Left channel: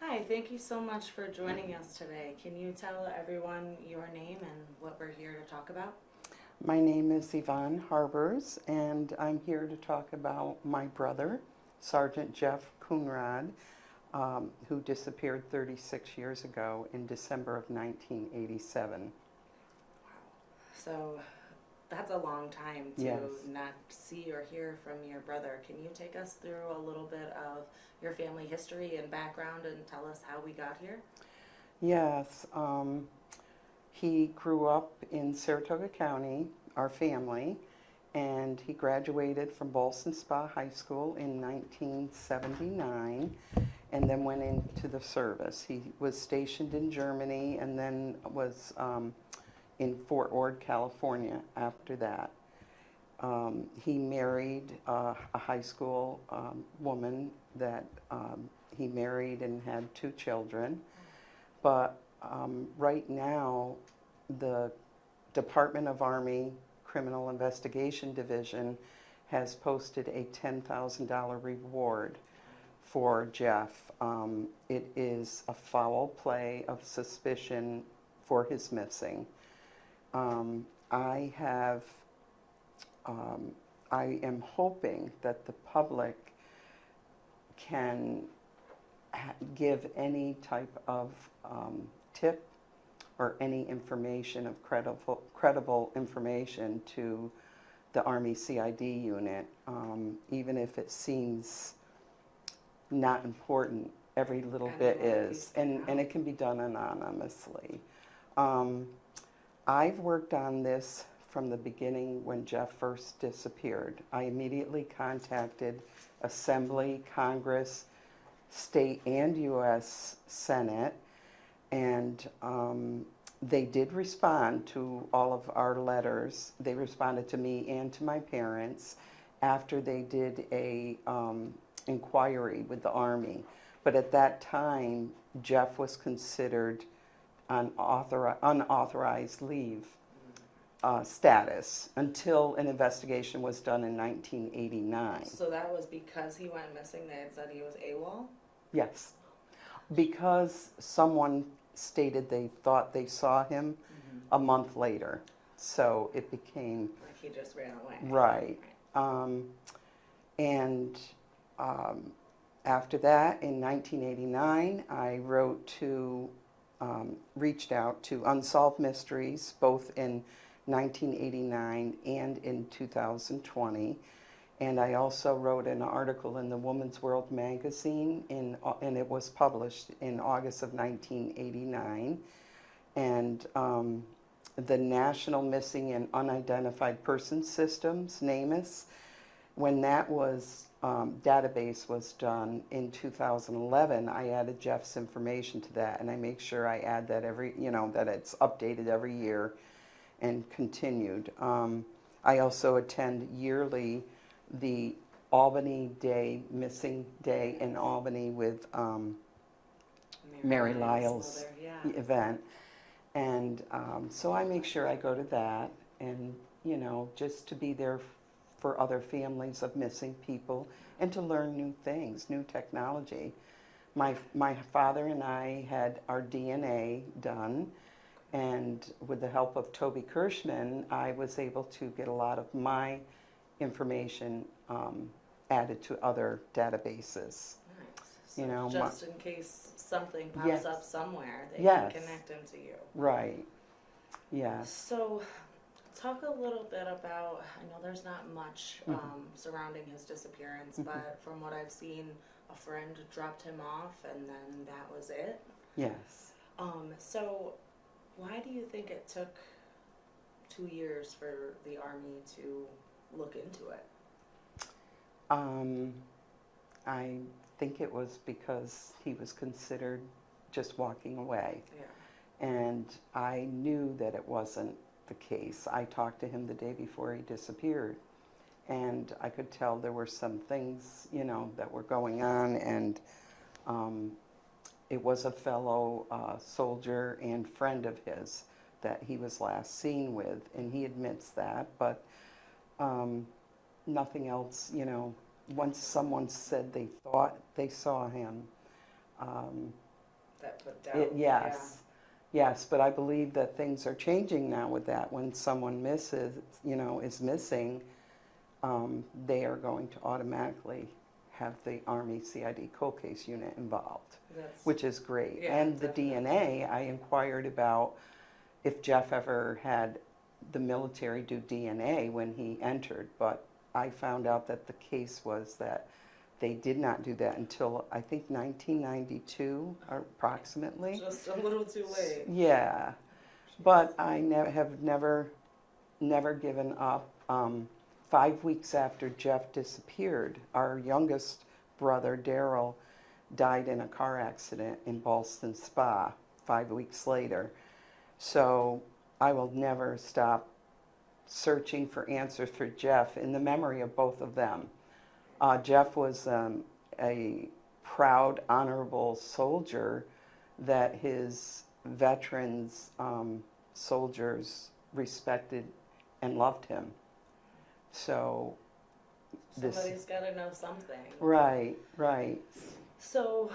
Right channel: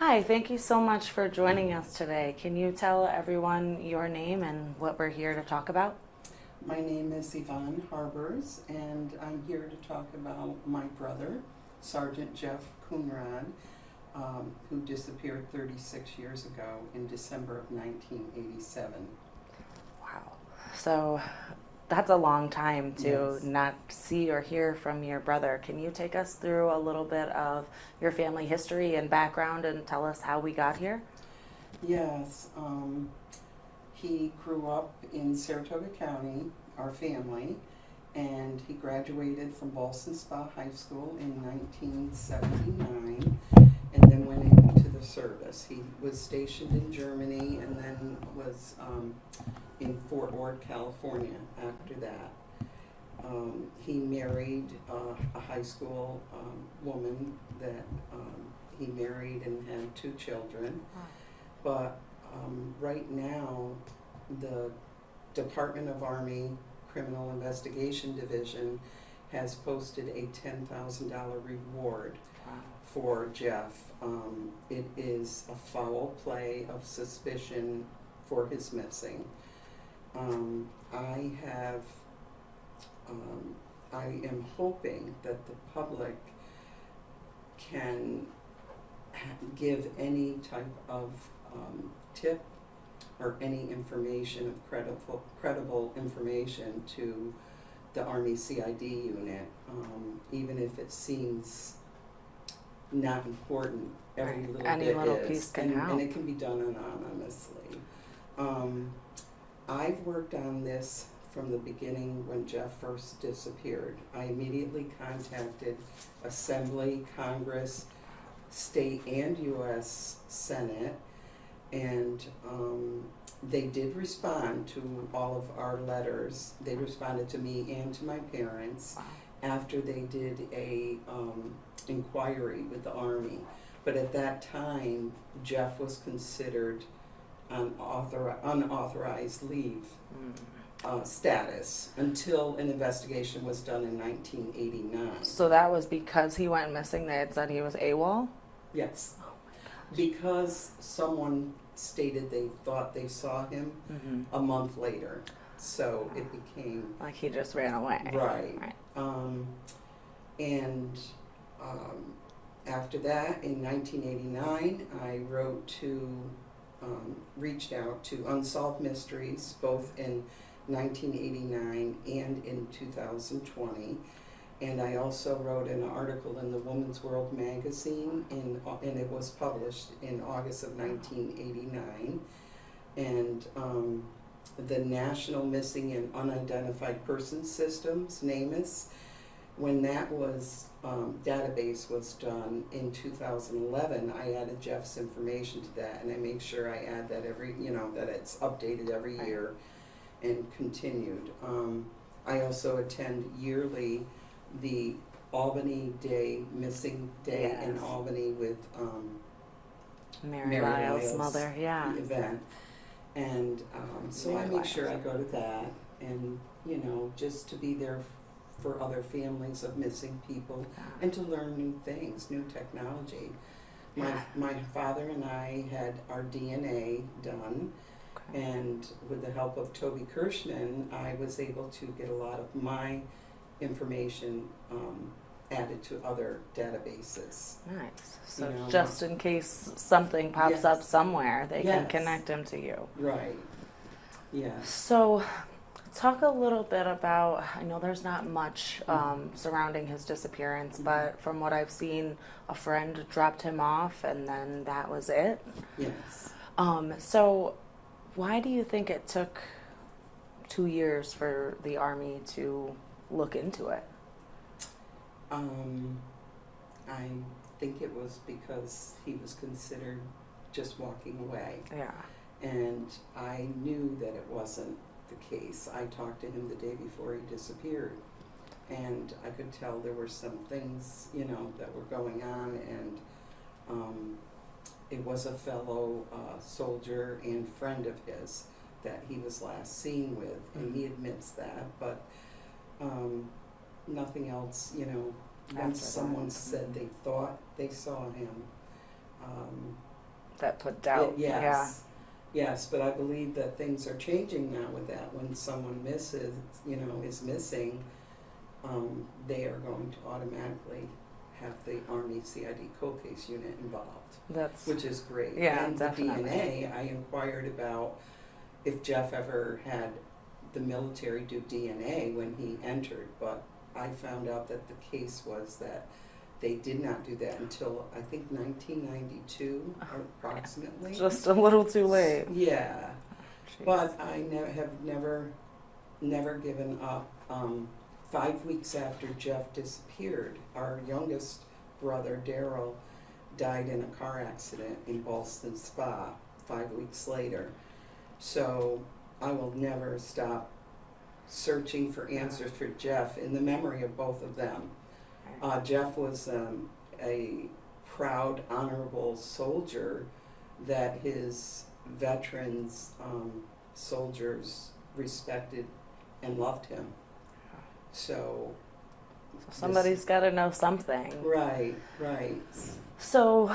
Hi, thank you so much for joining us today. Can you tell everyone your name and what we're here to talk about? My name is Yvonne Harbers, and I'm here to talk about my brother, Sergeant Jeff Coonradt, who disappeared 36 years ago in December of 1987. Wow. So that's a long time to Yes. not see or hear from your brother. Can you take us through a little bit of your family history and background and tell us how we got here? Yes, he grew up in Saratoga County, our family, and he graduated from Ballston Spa High School in 1979 and then went into the service. He was stationed in Germany and then was in Fort Ord, California after that. He married a high school woman that he married and had 2 children. But right now, the Department of Army Criminal Investigation Division has posted a $10,000 reward for Jeff. It is a foul play of suspicion for his missing. I am hoping that the public can give any type of tip or any information of credible information to the Army CID unit, even if it seems not important. Every Right. little Any bit little is, piece can help. and it can be done anonymously. I've worked on this from the beginning when Jeff first disappeared. I immediately contacted Assembly, Congress, State, and U.S. Senate, and they did respond to all of our letters. They responded to me and to my parents after they did a inquiry with the Army. But at that time, Jeff was considered unauthorized leave status until an investigation was done in 1989. So that was because he went missing. They had said he was AWOL? Yes, because someone stated they thought they saw him a month later, so it became Like he just ran away. right. And after that, in 1989, I reached out to Unsolved Mysteries, both in 1989 and in 2020. And I also wrote an article in the Woman's World magazine, and it was published in August of 1989. And the National Missing and Unidentified Persons Systems, NamUs, when that was database was done in 2011, I added Jeff's information to that, and I make sure I add that that it's updated every year and continued. I also attend yearly the Albany Day, Missing Day in Albany with Mary Lyle's mother, event. And so I make sure I go to that and, just to be there for other families of missing people and to learn new things, new technology. My father and I had our DNA done, and with the help of Toby Kirschman, I was able to get a lot of my information added to other databases. Nice. So just in case something pops Yes. up somewhere, they can connect him to you. Right. Yes. So talk a little bit about, I know there's not much surrounding his disappearance, but from what I've seen, a friend dropped him off and then that was it. Yes. So why do you think it took 2 years for the Army to look into it? I think it was because he was considered just walking away. Yeah. And I knew that it wasn't the case. I talked to him the day before he disappeared, and I could tell there were some things, that were going on, and it was a fellow soldier and friend of his that he was last seen with, and he admits that, but nothing else, once someone said they thought they saw him, that put doubt. Yes. Yes, but I believe that things are changing now with that. When someone misses, is missing, they are going to automatically have the Army CID cold case unit involved, which is great. Yeah, and definitely. the DNA, I inquired about if Jeff ever had the military do DNA when he entered, but I found out that the case was that they did not do that until, I think, 1992, approximately. Just a little too late. Yeah. Jeez. But I have never given up. 5 weeks after Jeff disappeared, our youngest brother, Daryl, died in a car accident in Ballston Spa 5 weeks later. So I will never stop searching for answers for Jeff in the memory of both of them. Jeff was a proud, honorable soldier that his veterans, soldiers respected and loved him. So somebody's got to know something. Right. So,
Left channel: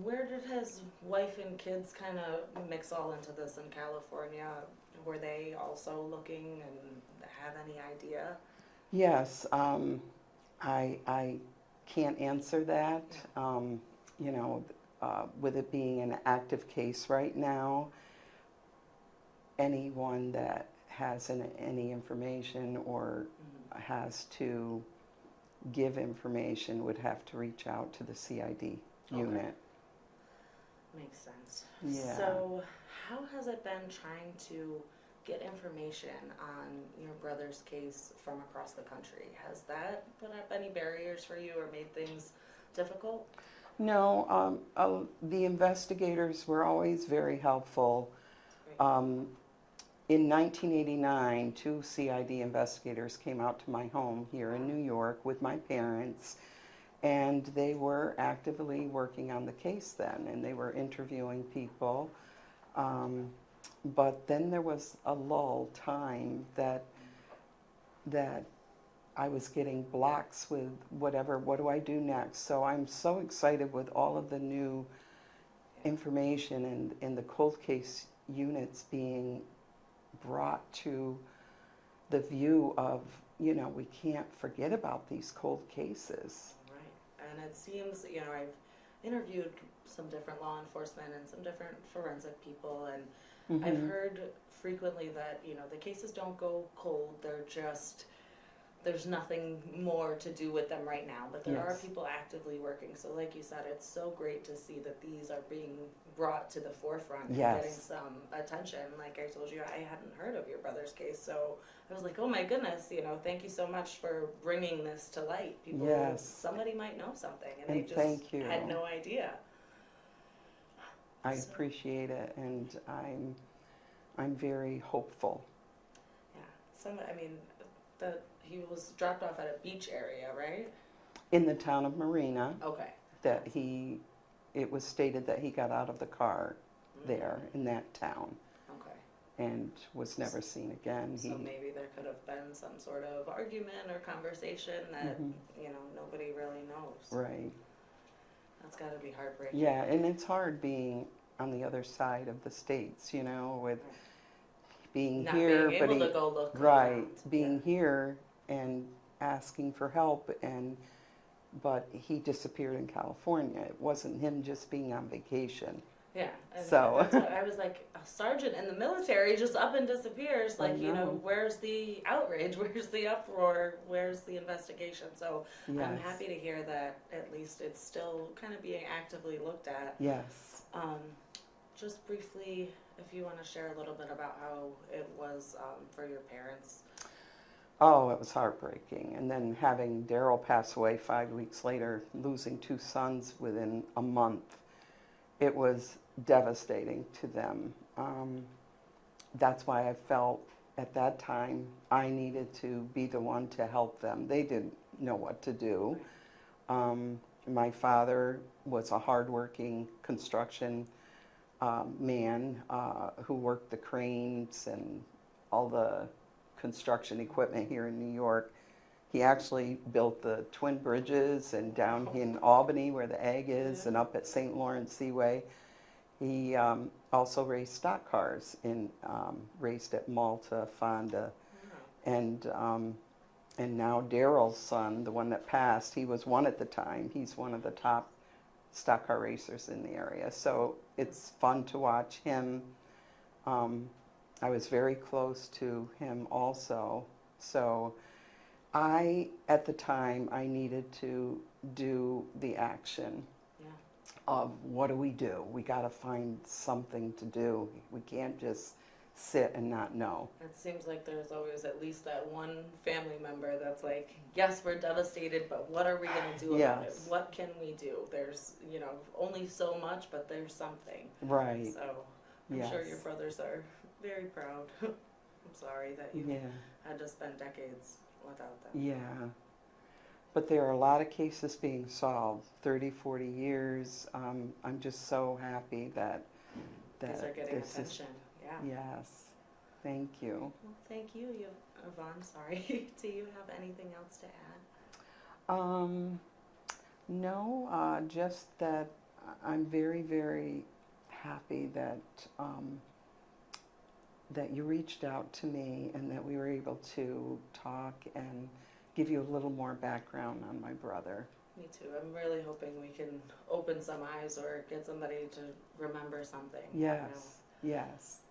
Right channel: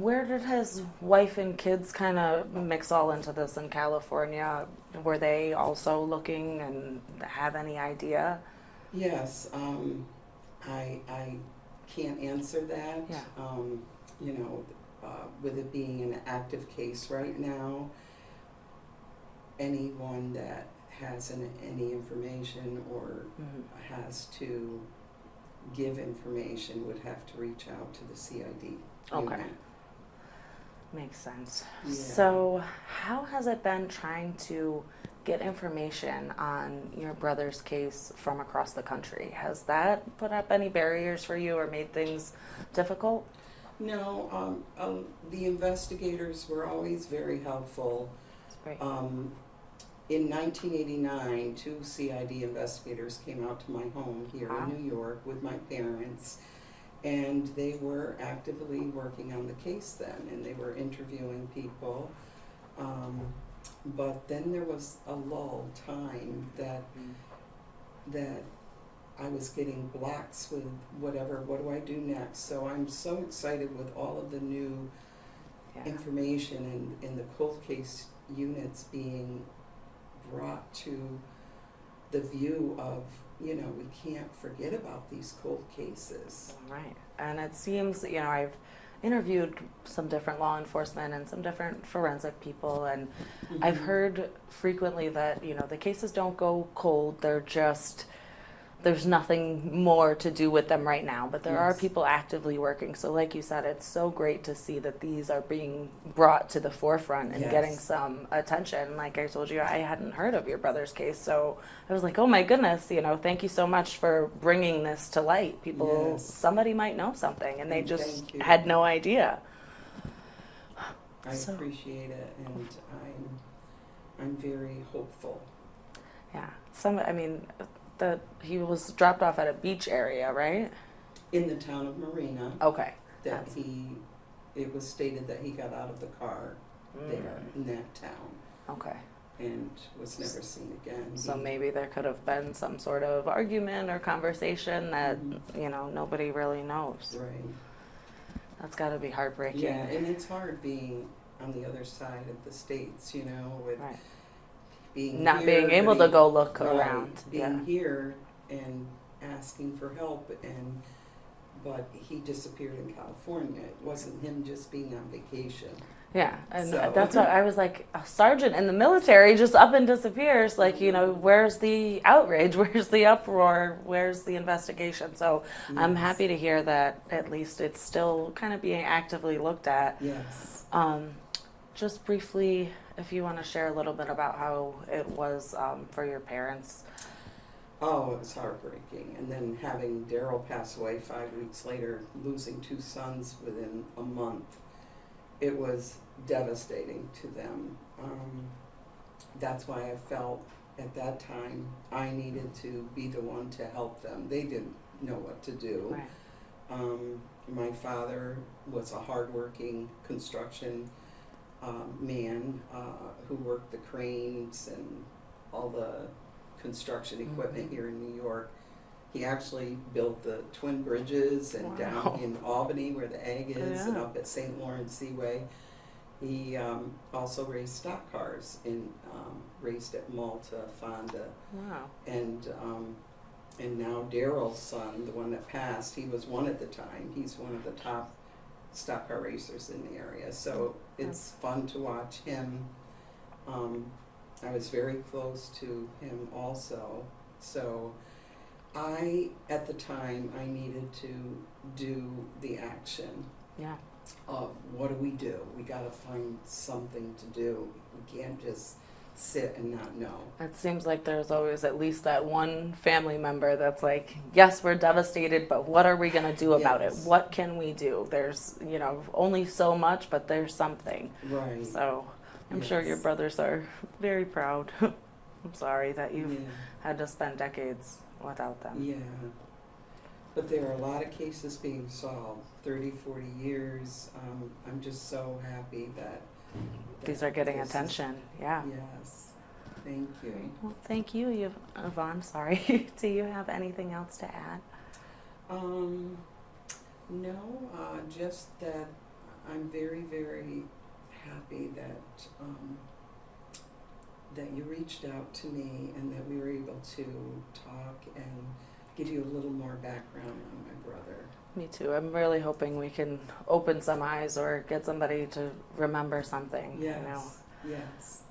where did his wife and kids kind of mix all into this in California? Were they also looking and have any idea? Yes, I can't answer that. Yeah. With it being an active case right now, anyone that has any information or has to give information would have to reach out to the CID unit. Makes sense. Yeah. So, how has it been trying to get information on your brother's case from across the country? Has that put up any barriers for you or made things difficult? No, the investigators were always very helpful. That's great. In 1989, 2 CID investigators came out to my home here Wow. in New York with my parents, and they were actively working on the case then, and they were interviewing people. But then there was a lull time that I was getting blocks with what do I do next? So I'm so excited with all of the new information and the cold case units being brought to the view of, we can't forget about these cold cases. Right. And it seems, I've interviewed some different law enforcement and some different forensic people, and I've heard frequently that, the cases don't go cold, there's nothing more to do with them right now, but there are people actively working. So like you said, it's so great to see that these are being brought to the forefront and getting some attention. Like I told you, I hadn't heard of your brother's case, so I was like, oh my goodness, thank you so much for bringing this to light. People, somebody might know something, and they just had no idea. I appreciate it, and I'm very hopeful. Yeah, that he was dropped off at a beach area, right? In the town of Marina. Okay. That it was stated that he got out of the car there in that town. Okay. And was never seen again. So maybe there could have been some sort of argument or conversation that, nobody really knows. Right. That's got to be heartbreaking. Yeah, and it's hard being on the other side of the states, with being not here, being able to go look around. Being here and asking for help, but he disappeared in California. It wasn't him just being on vacation. Yeah, and that's what I was like, a sergeant in the military just up and disappears. Like, where's the outrage? Where's the uproar? Where's the investigation? So I'm happy to hear that at least it's still kind of being actively looked at. Yes. Just briefly, if you want to share a little bit about how it was for your parents. Oh, it was heartbreaking. And then having Daryl pass away 5 weeks later, losing 2 sons within a month, it was devastating to them. That's why I felt at that time I needed to be the one to help them. They didn't know what to do. Right. My father was a hardworking construction man who worked the cranes and all the construction equipment here in New York. He actually built the twin bridges and down in Albany where the egg is and up at St. Lawrence Seaway. He also raced stock cars and raced at Malta, Fonda, Wow. and now Daryl's son, the one that passed, he was one at the time. He's one of the top stock car racers in the area. So it's fun to watch him. I was very close to him also. So at the time, I needed to do the action Yeah. of what do? We got to find something to do. We can't just sit and not know. It seems like there's always at least that one family member that's like, yes, we're devastated, but what are we going to do about it? Yes. What can we do? There's, only so much, but there's something. Right. So I'm sure your Yes. brothers are very proud. I'm sorry that you've Yeah. had to spend decades without them. Yeah. But there are a lot of cases being solved, 30, 40 years. I'm just so happy that These are getting this is- attention. Yeah. Yes. Thank you. Well, thank you, Yvonne. Sorry. Do you have anything else to add? No, just that I'm very, very happy that that you reached out to me and that we were able to talk and give you a little more background on my brother. Me too. I'm really hoping we can open some eyes or get somebody to remember something. Yes. I know. Yes.